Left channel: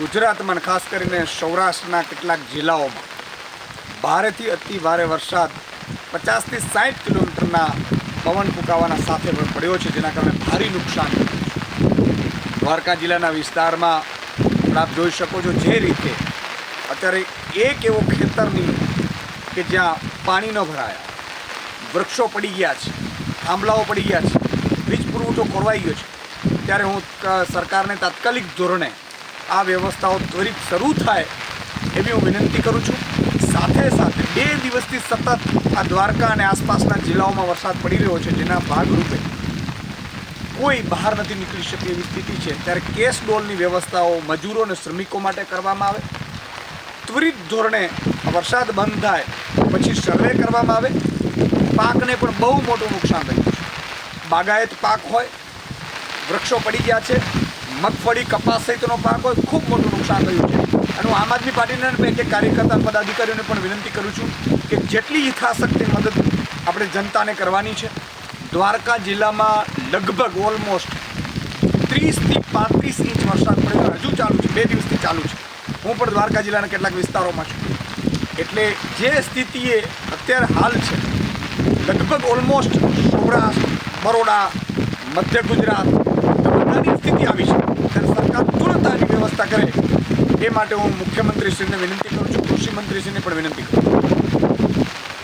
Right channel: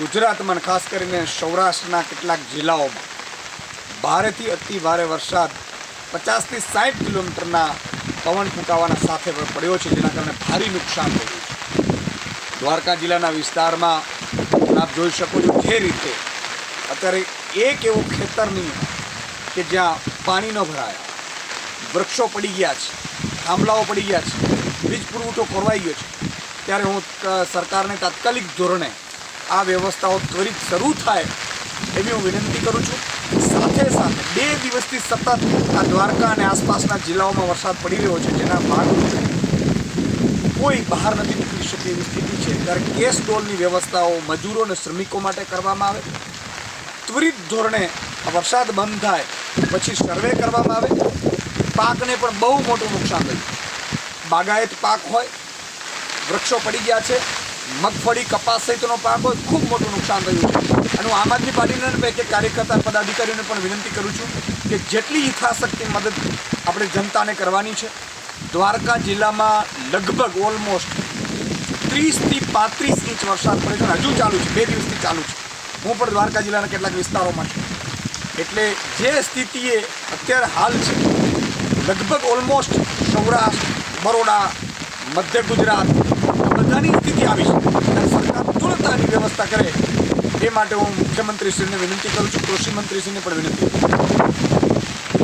ગુજરાતમાં અને ખાસ કરીને સૌરાષ્ટ્રના કેટલાક જિલ્લાઓમાં ભારેથી અતિ ભારે વરસાદ 50 થી 60 કિલોમીટરના પવન ફૂંકાવાના સાથે પડ્યો છે, જેના કારણે ભારે નુકસાન થયું છે. દ્વારકા જિલ્લાના વિસ્તારમાં આપ જોઈ શકો છો જે રીતે અત્યારે એક એવો ખેતર નહીં કે જ્યાં પાણી ન ભરાયા, વૃક્ષો પડી ગયા છે, થાંભલાઓ પડી ગયા છે, વીજ પુરવઠો ખોરવાઈ ગયો છે. ત્યારે હું સરકારને તાત્કાલિક ધોરણે આ વ્યવસ્થાઓ ત્વરિત શરૂ થાય એવી હું વિનંતી કરું છું. સાથે સાથે 2 દિવસથી સતત આ દ્વારકા અને આસપાસના જિલ્લાઓમાં વરસાદ પડી રહ્યો છે, જેના ભાગરૂપે કોઈ બહાર નથી નીકળી શકે એવી સ્થિતિ છે. ત્યારે કેશ ડોલની વ્યવસ્થાઓ મજૂરો અને શ્રમિકો માટે કરવામાં આવે. ત્વરિત ધોરણે વરસાદ બંધ થાય પછી સર્વે કરવામાં આવે. પાકને પણ બહુ મોટું નુકસાન થયું છે. બાગાયત પાક હોય, વૃક્ષો પડી ગયા છે, મગફળી, કપાસ સહિતનો પાક હોય, ખૂબ મોટું નુકસાન થયું છે. અને હું આમ આદમી પાર્ટીના એક કાર્યકર્તા પદાધિકારીઓને પણ વિનંતી કરું છું કે જેટલી યથાશક્તિ મદદ આપણે જનતાને કરવાની છે. દ્વારકા જિલ્લામાં લગભગ ઓલમોસ્ટ 30 થી 35 ઇંચ વરસાદ પડ્યો, હજુ ચાલુ છે, 2 દિવસથી ચાલુ છે. હું પણ દ્વારકા જિલ્લાના કેટલાક વિસ્તારોમાં છું. એટલે જે સ્થિતિએ અત્યારે હાલ છે, લગભગ ઓલમોસ્ટ સૌરાષ્ટ્ર, બરોડા, મધ્ય ગુજરાત બધાની સ્થિતિ આવી છે. ત્યારે સરકાર તુરંત આની વ્યવસ્થા કરે એ માટે હું મુખ્યમંત્રીશ્રીને વિનંતી કરું છું, કૃષિ મંત્રીશ્રીને પણ વિનંતી કરું છું.